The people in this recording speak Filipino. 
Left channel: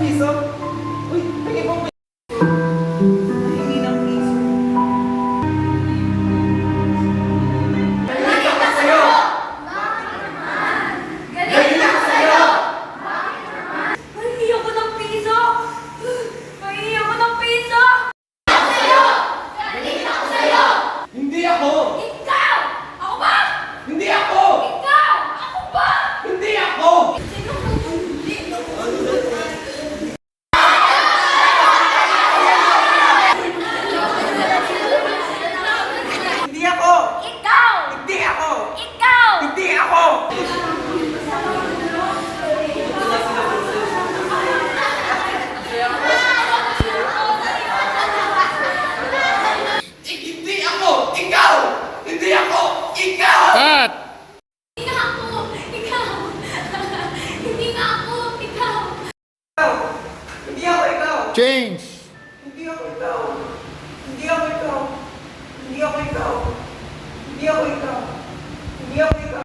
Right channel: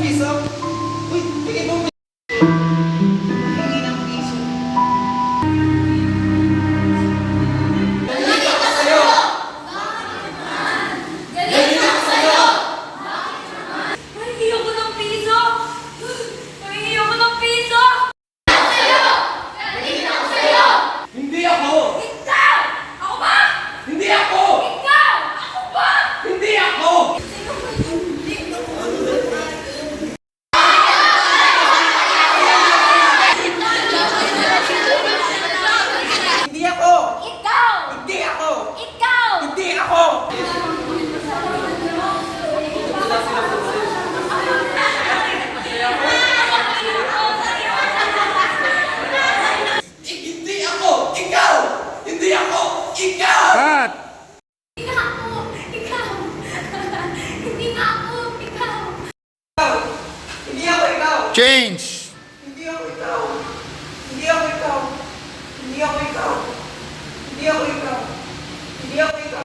Piso? Uy, tingin mo. Hingi ng piso. Galing ako sa'yo! Galing ako sa'yo! Mahingi ako ng piso! Mahingi ako ng piso! Hindi ako! Ikaw! Ako ba? Hindi ako! Ikaw! Ako ba? Hindi ako! Hindi ako! Ikaw! Hindi ako! Ikaw! Hindi ako! Hindi ako! Ikaw! Hindi ako! Ikaw! Cut! Hindi nga ako! Ikaw! Hindi nga ako! Ikaw! Hindi ako ikaw! Change!